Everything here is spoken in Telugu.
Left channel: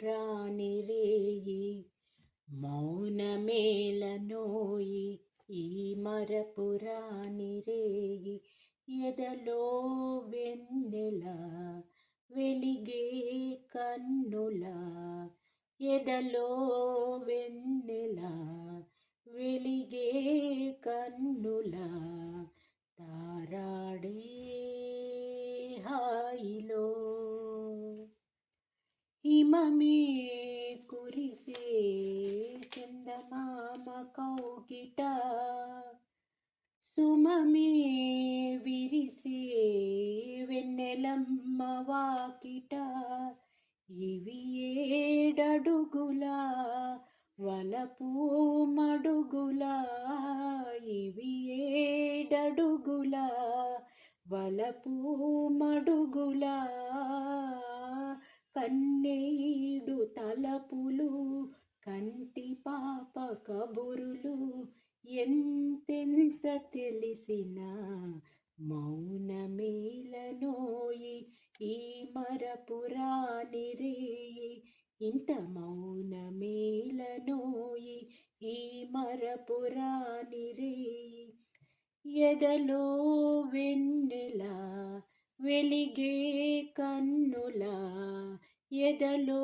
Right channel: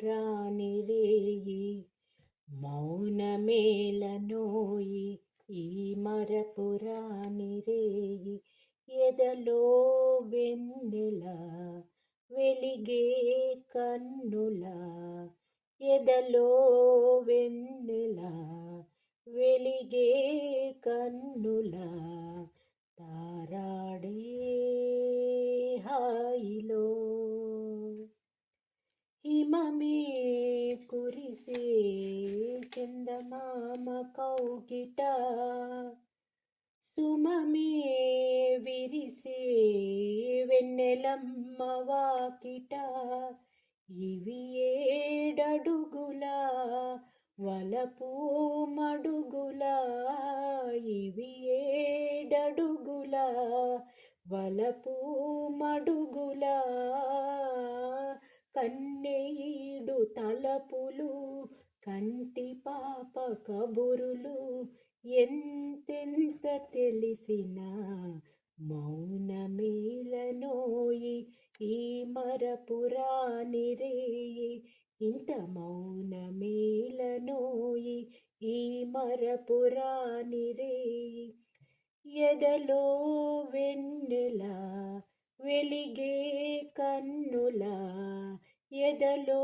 మరపురాని రేయి మౌనమేలనోయి ఈ మరపురాని రేయి ఎదలో వెన్నెల వెలిగే కన్నుల ఎదలో వెన్నెల వెలిగే కన్నుల తారాడే హాయిలో హిమమే కురిసే చందమామ కౌగిట సుమమే విరిసే వెన్నెలమ్మ వాకిట ఇవి ఏడడుగుల వలపు మడుగుల ఇవి ఏడడుగుల వలపు మడుగుల కన్నీడు తలపులు కంటి పాప కబురులు ఎంతెంత తెలిసినా మౌనమేలనోయి ఈ మరపురాని రేయి ఇంత మౌనమేలనోయి ఈ మరపురాని రేయి ఎదలో వెన్నెల వెలిగే కన్నుల ఎదలో